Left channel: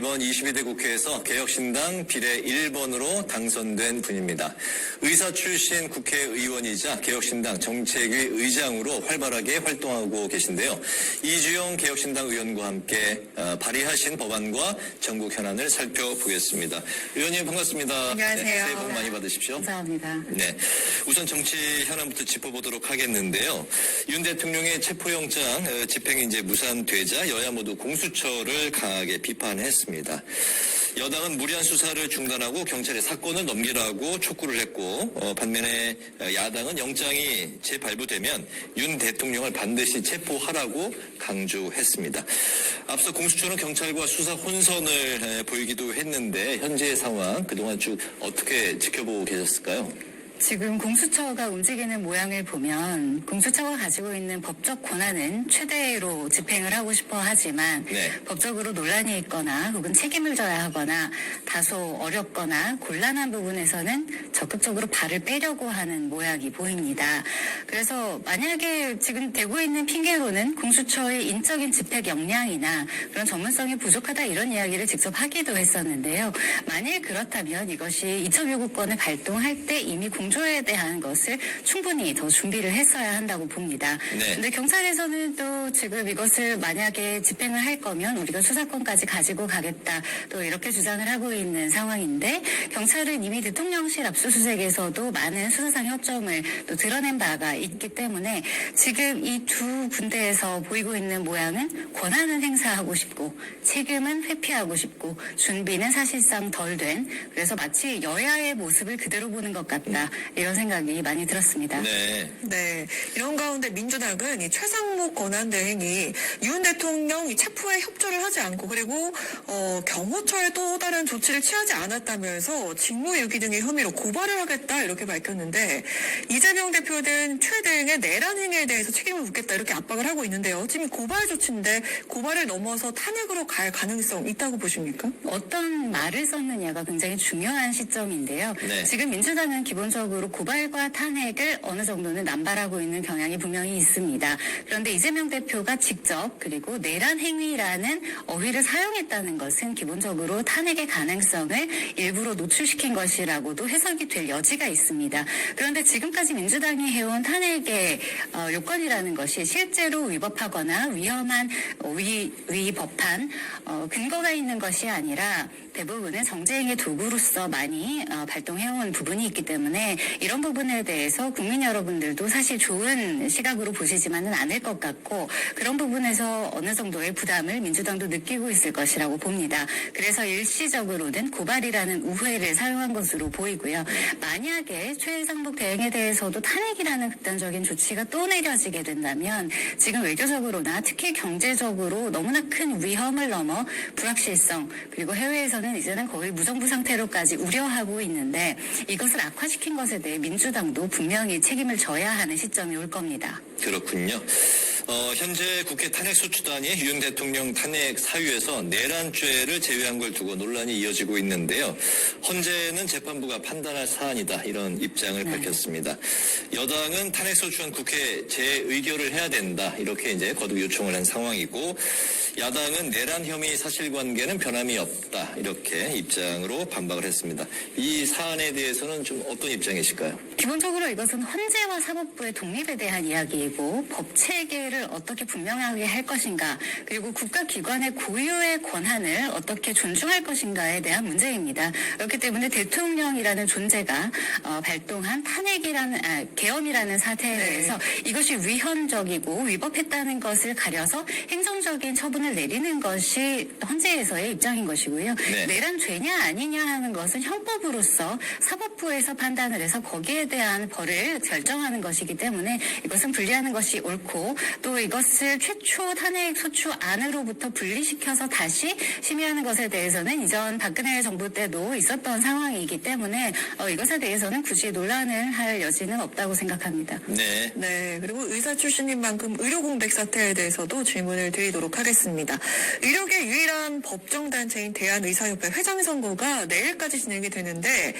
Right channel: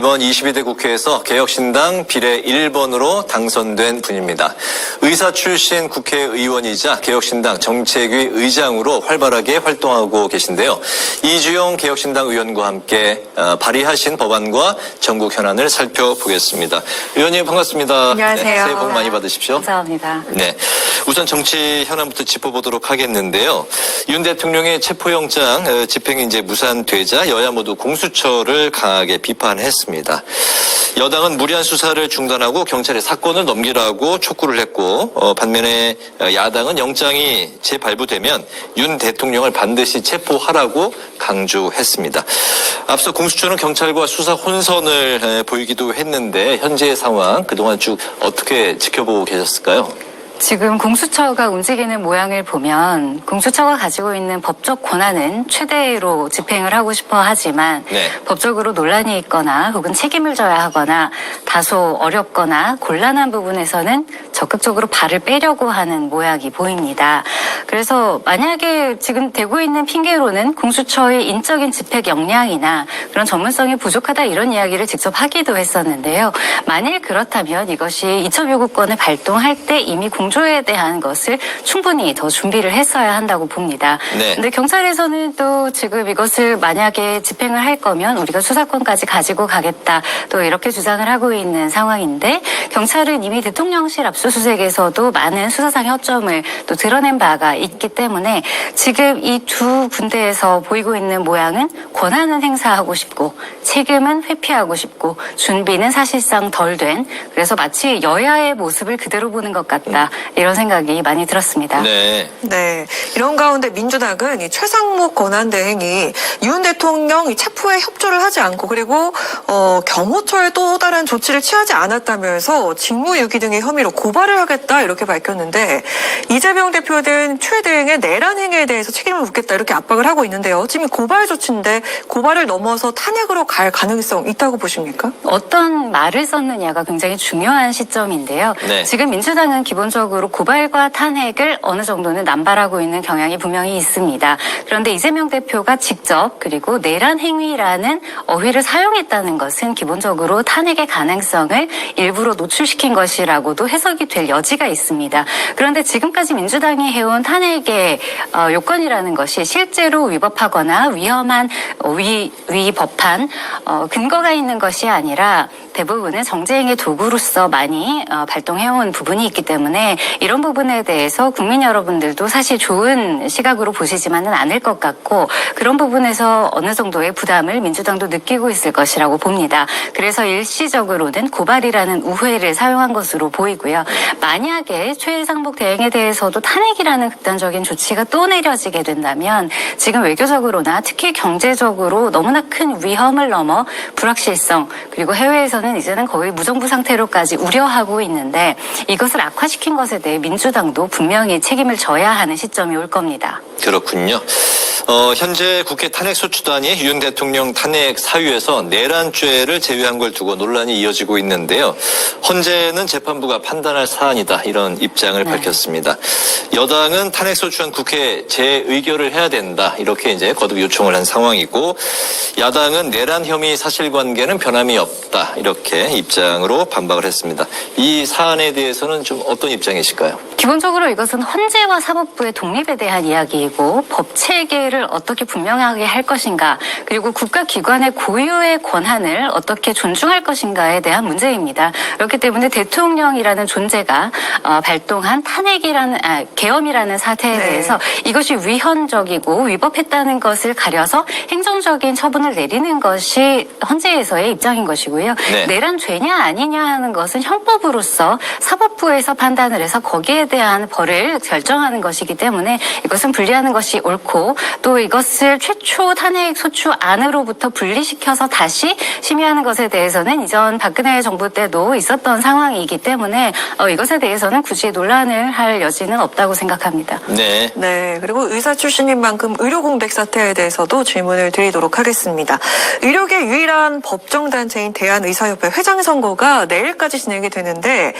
이번 22대 국회에서 개혁신당 비례 1번으로 당선된 분입니다. 의사 출신 국회의원이자 개혁신당 정책위 의장으로 활발하게 활동하고 계신데요. 이주영 개혁신당 의원과 함께 발의하신 법안과 전국 현안을 살펴보겠습니다. 의원님 반갑습니다. 안녕하세요. 네, 새해 복 많이 받으십시오. 감사합니다. 네, 우선 정치 현안부터 짚어보도록 하겠는데요. 윤 대통령의 체포영장 집행이 이제 무산되자 여야 모두 공수처를 강하게 비판했습니다. 여당은 무리한 수사를 중단하고 경찰에 사건을 넘기라고 촉구를 했고 반면에 야당은 영장이 재발부되면 윤 대통령을 반드시 체포하라고 강조했습니다. 앞서 공수처는 경찰과 수사 혼선을 보이기도 했는데 현재의 상황 그동안 쭉 어떻게 지켜보고 계셨을까요? 지금 공수처가 움직이는 모양을 보면 공수처가 가지고 있는 법적 권한은 최대로 집행을 하고 싶어 하지만 법적으로 논란이 있거나 혹은 책임을 져야 하거나 다소 어렵거나 곤란한 부분에서는 적극적으로 발을 빼려고 하는 모양이 보입니다. 그래서 만약에 지금 되고 있는 핑계로는 공수처의 인적인 집행 역량이나 그런 전문성이 부족하다 이런 이야기를 직접 하기도 했었는데요. 만일 그렇다면 이것이 이첩요구권을 발동할 때 이미 공조에 대한 것을 충분히 더 준비를 했어야 한다고 봅니다. 그런데 경찰에서는 또 지금 이것을 만약에 집행을 할 거면 우리가 수사권까지 가지고 가겠다 또 이렇게 주장을 하고 있는 상황인데 경찰은 이미 대통령실 압수수색에서도 많은 수사상의 허점을 또 드러낸 바가 있기 때문에 지금 이 두 군데에서 보이고 있는 모양은 권한은 행사하고 싶고 책임은 회피하고 싶고 준비는 사실상 덜 된 그래서 마치 여야의 모습을 그대로 보는 것 같다. 이런 생각이 많이 들었습니다. 네. 이런 가운데 민주당은 이 최상목 권한대행이 윤 대통령 이 체포에 협조를 하지 않고 그리고 경호처에 또 다른 조치를 취하지 않았다면서 직무유기 등의 혐의로 고발을 하겠다 이렇게 밝혔는데 이재명 대표 등 최 대행의 내란 행위에 대해서 책임을 묻겠다 이렇게 압박을 하고 있는데요. 지금 고발 조치인데 고발을 넘어서 탄핵으로 갈 가능성 있다고 보십니까? 어떤 말을 썼느냐가 굉장히 중요한 시점인데요. 지금 민주당은 기본적으로 고발과 탄핵을 어느 정도는 남발하고 있는 경향이 분명히 있습니다. 그런데 이재명 대표가 직접 그리고 내란 행위라는 어휘를 사용했다는 것은 기본적으로 탄핵의 가능성을 일부러 노출시킨 것이라고도 해석이 될 여지가 있습니다. 그런데 지금까지 민주당이 해온 탄핵의 요건이라는 것이 실제로 위법하거나 위험한 위법한 근거가 있는 것이 아니라 대부분은 정쟁의 도구로서 많이 발동해온 부분이 있기 때문에 이런 부분에 대해서 국민 여러분들도 사실 좋은 시각으로 보시지만은 않을 것 같고 그런 부분에서 어느 정도의 부담을 민주당도 느끼고 있을 것이라고 봅니다. 그래서 일시적으로는 고발이라는 우회를 사용한 것으로 보이고요. 만약에 최상목 대행에 대해서도 탄핵이라는 극단적인 조치가 또 내려지게 된다면 지금 외교적으로나 특히 경제적으로 너무나 큰 위험을 넘어 불확실성 그리고 해외에서는 이제는 거의 무정부 상태로까지 우려하고 있는데 이것을 악화시킨 것에 대해 민주당도 분명히 책임을 져야 하는 시점이 올 겁니다. 그렇군요. 현재 국회 탄핵소추단이 윤 대통령 탄핵 사유에서 내란죄를 제외한 걸 두고 논란이 이어지고 있는데요. 헌재는 재판부가 판단할 사안이다 이런 입장을 밝혔습니다. 여당은 탄핵소추안 국회 재의결을 해야 된다 이렇게 이제 거듭 요청을 한 상황이고 야당은 내란 혐의 사실관계는 변함이 없다 이렇게 입장으로 반박을 했습니다. 이 사안에 대해서는 좀 어떤 입장이실까요? 기본적으로 이것은 헌재와 사법부의 독립에 대한 이야기이고 법 체계를 어떻게 분명하게 할 것인가 그리고 국가기관의 고유의 권한을 어떻게 존중할 것인가에 대한 문제입니다. 그렇기 때문에 대통령이라는 존재가 발동한 계엄이라는 사태에 대해서 이것이 위헌적이고 위법했다는 것을 가려서 행정적인 처분을 내리는 것이 헌재에서의 입장인 것이고요. 내란죄냐 아니냐 하는 것은 형법으로서 사법부에서 판단을 해서 거기에 대한 벌을 결정하는 것이기 때문에 이것은 분리하는 것이 옳고 또 이것을 최초 탄핵 소추 안으로부터 분리시켜서 다시 심의하는 것에 대해서는 이전 박근혜 정부 때도 있었던 상황이기 때문에 이것에 대해서는 굳이 논란을 할 여지는 없다고 생각합니다. 그리고 의사 출신인 만큼 의료 공백 사태에 대해서도 질문을 드리도록 하겠습니다. 의료계 유일한 법정단체인 대한의사협회 회장 선거가 내일까지 진행이 되는데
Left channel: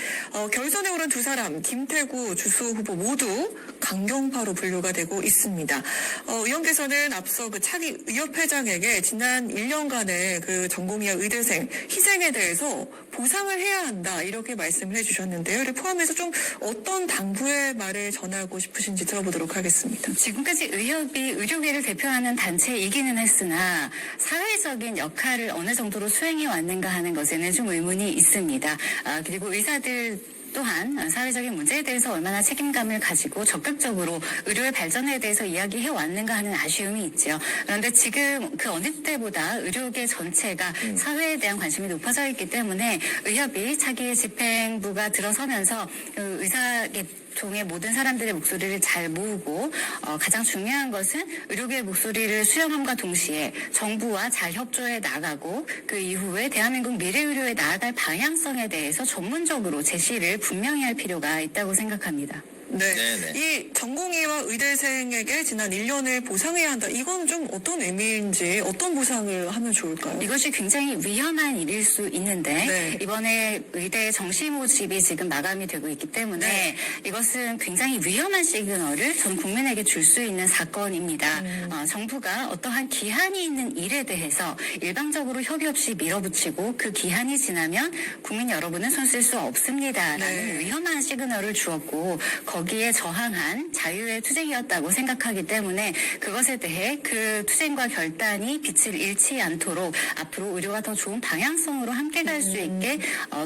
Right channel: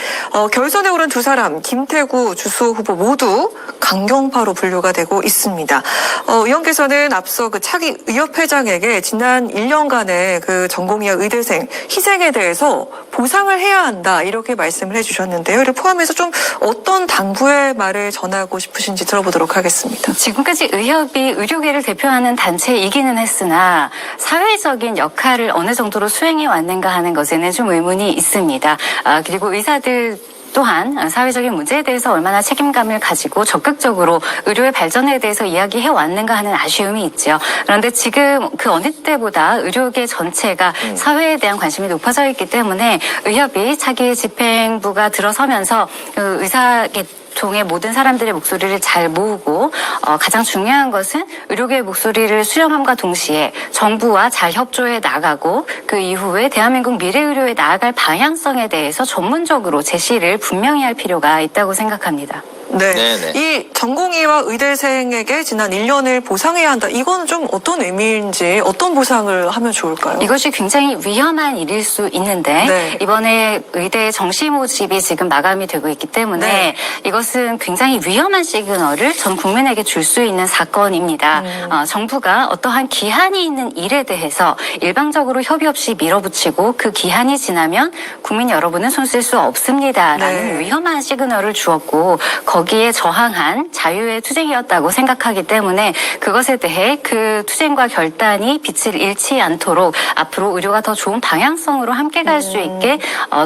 결선에 오른 두 사람 김태구 주수호 후보 모두 강경파로 분류가 되고 있습니다. 의원께서는 앞서 그 차기 의협회장에게 지난 1년간의 그 전공의와 의대생 희생에 대해서 보상을 해야 한다 이렇게 말씀을 해주셨는데요. 이를 포함해서 좀 어떤 당부의 말을 전하고 싶으신지 들어보도록 하겠습니다. 지금까지 의협이 의료계를 대표하는 단체이기는 했으나 사회적인 역할을 어느 정도로 수행해 왔는가 하는 것에는 좀 의문이 있습니다. 그리고 의사들 또한 사회적인 문제에 대해서 얼마나 책임감을 가지고 적극적으로 의료의 발전에 대해서 이야기해 왔는가 하는 아쉬움이 있죠. 그런데 지금 그 어느 때보다 의료계 전체가 사회에 대한 관심이 높아져 있기 때문에 의협이 차기 집행부가 들어서면서 의사계통의 모든 사람들의 목소리를 잘 모으고 가장 중요한 것은 의료계의 목소리를 수렴함과 동시에 정부와 잘 협조해 나가고 그 이후에 대한민국 미래의료에 나아갈 방향성에 대해서 전문적으로 제시를 분명히 할 필요가 있다고 생각합니다. 네. 네네. 이 전공의와 의대생에게 지난 1년을 보상해야 한다. 이건 좀 어떤 의미인지 어떤 보상을 하면 좋을까요? 이것이 굉장히 위험한 일일 수 있는데 네. 이번에 의대 정시 모집이 지금 마감이 되고 있기 때문에 네. 이것은 굉장히 위험한 시그널을 전 국민에게 줄 수 있는 사건입니다. 정부가 어떠한 기한이 있는 일에 대해서 일방적으로 협의 없이 밀어붙이고 그 기한이 지나면 국민 여러분은 손 쓸 수 없습니다라는 네. 위험한 시그널을 주었고 거기에 저항한 자유의 투쟁이었다고 생각하기 때문에 그것에 대해 그 투쟁과 결단이 빛을 잃지 않도록 앞으로 의료가 더 좋은 방향성으로 함께 갈 수 있게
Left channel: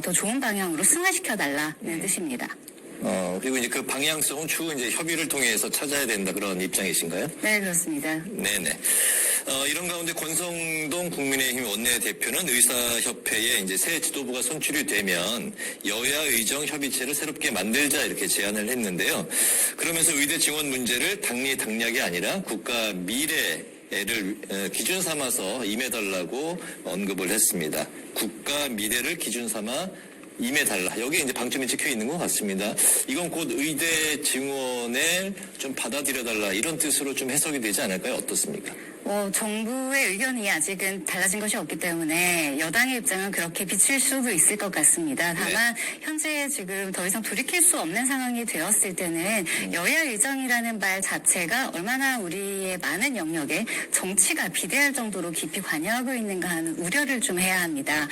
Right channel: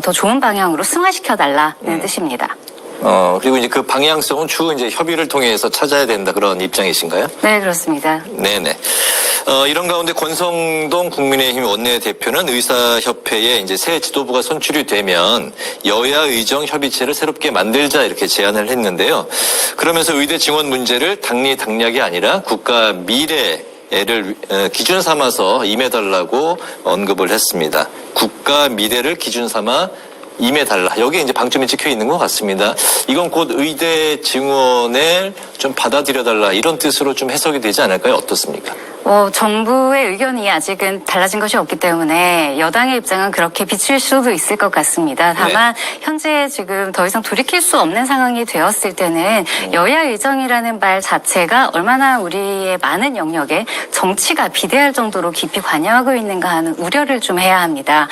더 좋은 방향으로 승화시켜달라는 뜻입니다. 그리고 이제 그 방향성은 추후 이제 협의를 통해서 찾아야 된다 그런 입장이신가요? 네, 그렇습니다. 네네. 이런 가운데 권성동 국민의힘 원내대표는 의사협회에 이제 새 지도부가 선출이 되면 여야 의정 협의체를 새롭게 만들자 이렇게 제안을 했는데요. 그러면서 의대 증원 문제를 당리 당략이 아니라 국가 미래를 기준 삼아서 임해달라고 언급을 했습니다. 국가 미래를 기준 삼아 임해달라. 여기에 이제 방점이 찍혀 있는 것 같습니다. 이건 곧 의대 증원을 좀 받아들여달라 이런 뜻으로 좀 해석이 되지 않을까요? 어떻습니까? 정부의 의견이 아직은 달라진 것이 없기 때문에 여당의 입장은 그렇게 비칠 수도 있을 것 같습니다. 다만 현재 지금 더 이상 돌이킬 수 없는 상황이 되었을 때는 여야 의정이라는 말 자체가 얼마나 우리의 많은 영역에 정치가 비대할 정도로 깊이 관여하고 있는가 하는 우려를 좀 해야 합니다.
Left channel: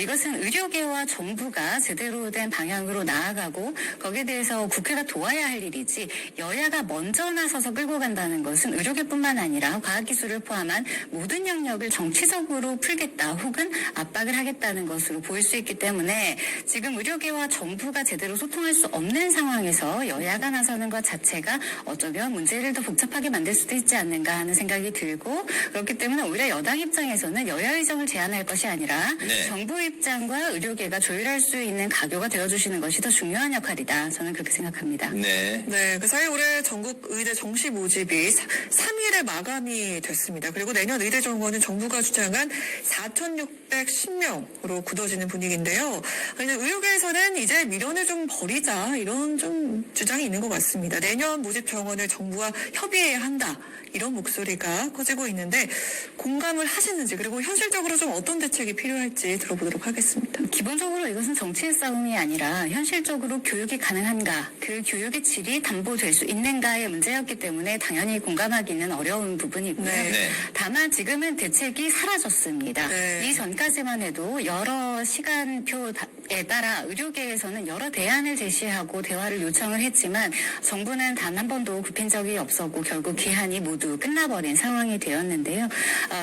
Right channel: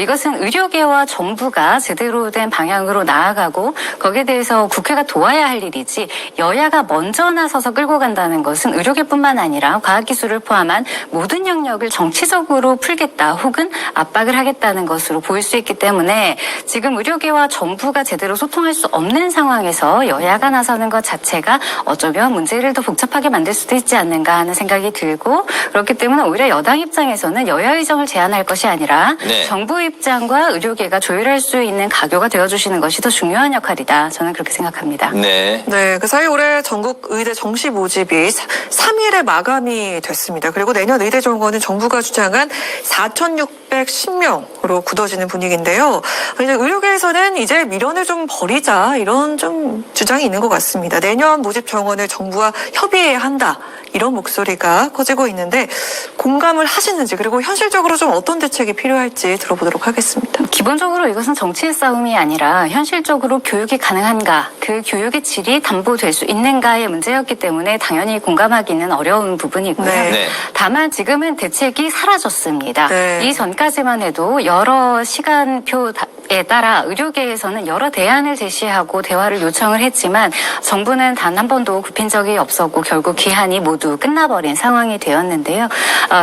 이것은 의료계와 정부가 제대로 된 방향으로 나아가고 거기에 대해서 국회가 도와야 할 일이지 여야가 먼저 나서서 끌고 간다는 것은 의료계뿐만 아니라 과학기술을 포함한 모든 영역을 정치적으로 풀겠다 혹은 압박을 하겠다는 것으로 보일 수 있기 때문에 지금 의료계와 정부가 제대로 소통할 수 없는 상황에서 여야가 나서는 것 자체가 어쩌면 문제를 더 복잡하게 만들 수도 있지 않는가 하는 생각이 들고 그렇기 때문에 오히려 여당 입장에서는 여야 의정을 제안할 것이 아니라 정부 입장과 의료계가 조율할 수 있는 가교가 되어주시는 것이 더 중요한 역할이다. 저는 그렇게 생각합니다. 네, 그 사이 올해 전국 의대 정시 모집이 3일에 마감이 됐습니다. 그리고 내년 의대 정원은 정부가 주장한 4,610명으로 굳어지는 분위기인데요. 이제 의료계에서는 이제 미련을 좀 버리자 이런 좀 주장이 있는 것 같습니다. 내년 모집 정원을 정부와 협의해야 한다. 이런 목소리가 커지고 있는데 공감을 하시는지 그리고 현실적으로 좀 어떤 대책이 필요할지 들어보도록 하겠습니다. 기본적으로 이것은 정치의 싸움이 아니라 현실적으로 교육이 가능한가, 그 교육의 질이 담보될 수 있는가의 문제였기 때문에 당연히 공감하기는 어려운 부분이고요. 네. 다만 지금은 대책이 사라졌습니다. 네. 이전까지만 해도 여러 시간표에 따라 의료계에서는 여러 대안을 제시하고 대화를 요청을 했지만 정부는 단 한 번도 굽힌 적이 없었고 결국 기한이 모두 끝나버린 상황이 되었는데요.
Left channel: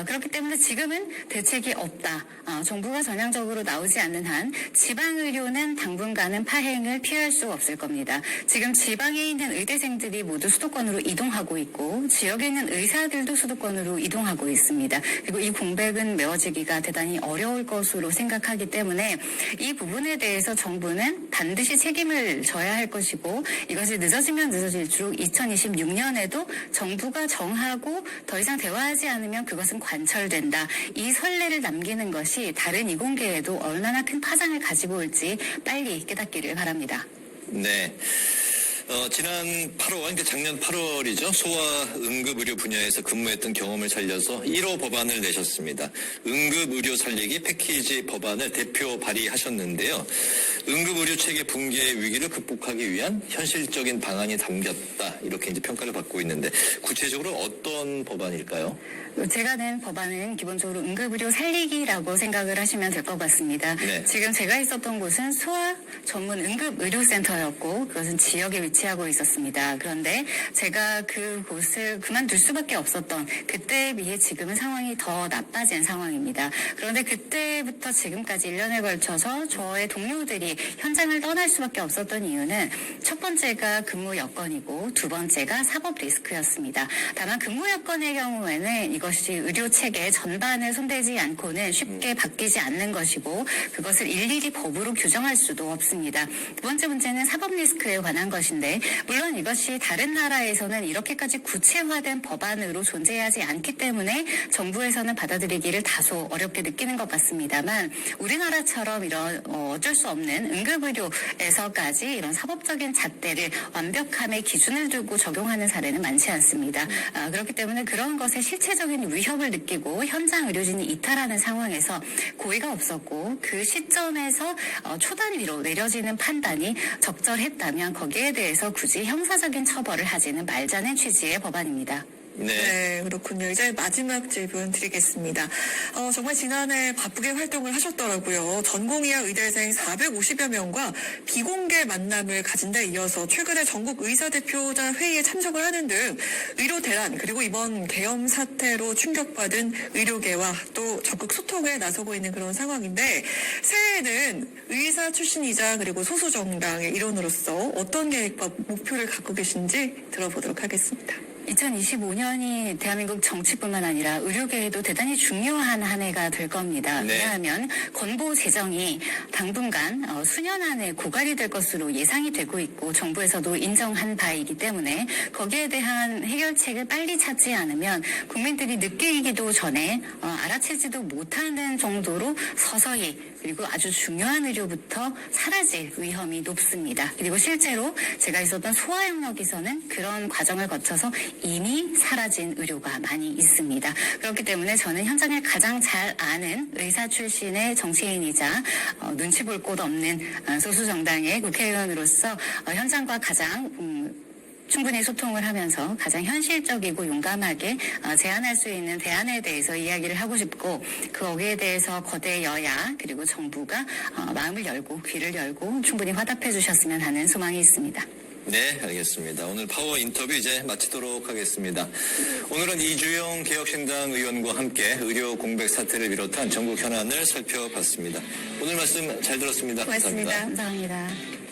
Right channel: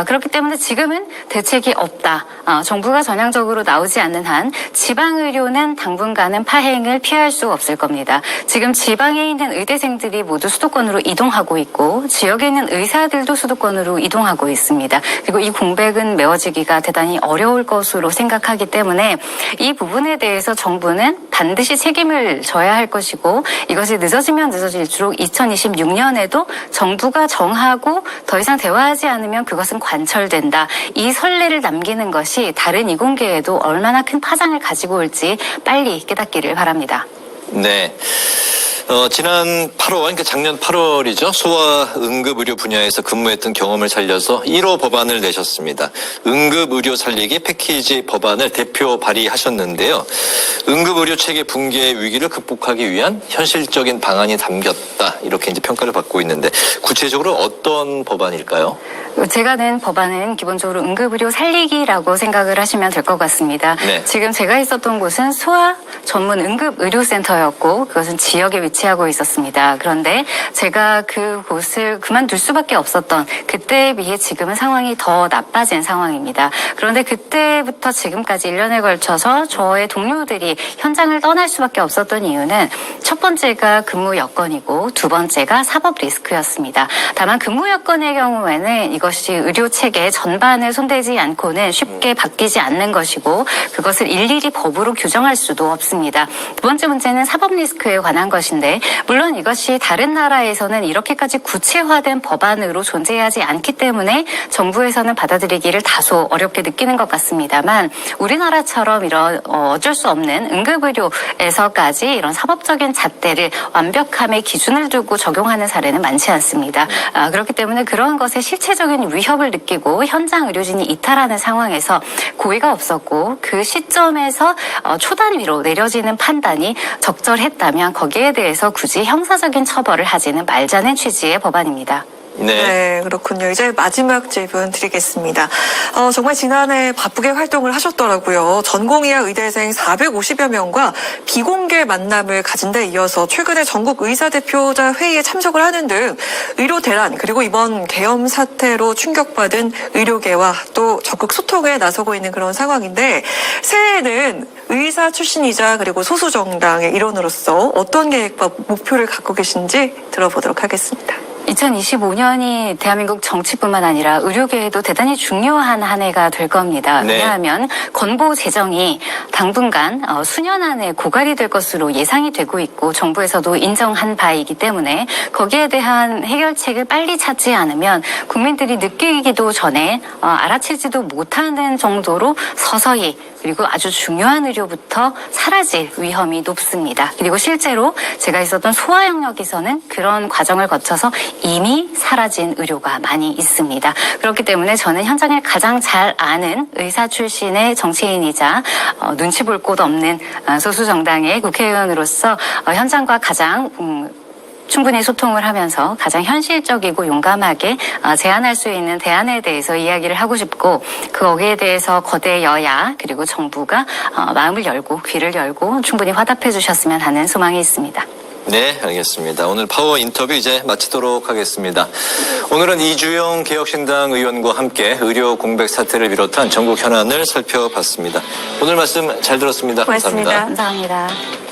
그렇기 때문에 지금은 대책이 없다. 정부가 전향적으로 나오지 않는 한 지방의료는 당분간은 파행을 피할 수 없을 겁니다. 지금 지방에 있는 의대생들이 모두 수도권으로 이동하고 있고 지역에 있는 의사들도 수도권으로 이동하고 있습니다. 그리고 이 공백은 메워지기가 대단히 어려울 것으로 생각하기 때문에 이 부분에 대해서 정부는 반드시 책임을 져야 할 것이고 이것이 늦어지면 늦어질수록 2026년에도 정부가 정하고 더 이상 대화하지 않으면 그것은 관철된다. 이 선례를 남기는 것이 다른 이공계에도 얼마나 큰 파장을 가지고 올지 빨리 깨닫기를 바랍니다. 네. 지난 8월, 그러니까 작년 8월이죠. 소아응급의료 분야에서 근무했던 경험을 살려서 1호 법안을 내셨습니다. 응급의료 살리기 패키지 법안을 대표 발의하셨는데요. 응급의료 체계 붕괴 위기를 극복하기 위한 현실적인 방안이 담겼다. 이렇게 이제 평가를 받고 있는데 구체적으로 어떤 법안일까요? 제가 낸 법안은 기본적으로 응급의료 살리기라고 생각을 하시면 될 것 같습니다. 네. 지금 제가 있었던 곳은 소아 전문 응급의료센터였고 그것은 지역에 위치하고 있었습니다. 그런데 제가 그곳을 그만둘 수밖에 없었던 그때에 비해 지금은 상황이 더 나빠진 상황입니다. 그런데 그때부터 지금까지 1년에 걸쳐서 저의 동료들이 현장을 떠날 수밖에 없었던 이유는 첫 번째가 근무 여건이고 두 번째가 사법 리스크였습니다. 다만 근무 여건의 경우에는 이것이 의료 체계 전반을 손대지 않고는 쉽게 바뀌지 않는 것이고 그것을 일일이 법으로 규정할 수도 없습니다. 두 번째 문제는 사법 리스크에 관한 것인데 물론 이것이 다른 나라에서는 이렇게까지 구체화된 법안으로 존재하지 않기 때문에 정부에서는 받아들이기를 다소 어렵게 느끼는 것 같습니다만 우리나라처럼 이런 어쩔 수 없는 응급의료에서까지 이런 사법적인 잣대를 완벽함의 기준을 두고 적용하는 사례는 많지 않습니다. 그렇기 때문에 그런 것에 실체적인 위협을 느끼고 현장 의료진이 이탈하는 상황에서 고의가 없었고 그 시점에서 초단위로 내려지는 판단이 적절했다면 거기에 대해서 굳이 형사적인 처벌을 하지는 말자는 취지의 법안입니다. 네, 그렇군요. 이제 마지막 질문 드리겠습니다. 정말 지난해 바쁘게 활동을 하셨더라고요. 전공의학 의대생 450여 명과 비공개 만남을 가진 데 이어서 최근에 전국 의사대표자 회의에 참석을 하는 등 의료 대란 그리고 이번 계엄 사태로 충격받은 의료계와 또 적극 소통에 나서고 있는 그런 상황인데 새해에는 의사 출신이자 그리고 소수 정당의 일원으로서 어떤 계획과 목표를 갖고 계신지 들어보도록 하겠습니다. 2025년이 대한민국 정치뿐만 아니라 의료계에도 대단히 중요한 한 해가 될 겁니다. 네. 왜냐하면 건보 재정이 당분간 수년 안에 고갈이 될 것으로 예상이 되고 있고 정부에서도 인정한 바이기 때문에 거기에 대한 해결책을 빨리 찾지 않으면 국민들이 느끼기도 전에 알아채지도 못하는 정도로 서서히 그리고 아주 중요한 의료부터 사라질 위험이 높습니다. 그리고 실제로 제가 있었던 소아 영역에서는 그런 과정을 거쳐서 이미 사라진 의료가 많이 있습니다. 그렇기 때문에 저는 현장을 가장 잘 아는 의사 출신의 정치인이자 눈치 볼 곳 없는 소수 정당의 국회의원으로서 현장과 가장 충분히 소통을 하면서 가장 현실적이고 용감하게 제안할 수 있는 대안에 대해서 이야기를 하고 싶고 거기에 대해서 거대 여야 그리고 정부가 마음을 열고 귀를 열고 충분히 화답해 주셨으면 하는 소망이 있습니다. 네, 알겠습니다. 오늘 파워 인터뷰 이제 마치도록 하겠습니다. 오늘은 이주영 개혁신당 의원과 함께 의료 공백 사태를 비롯한 전국 현안을 살펴봤습니다. 오늘 말씀 잘 들었습니다. 고맙습니다. 감사합니다. 감사합니다.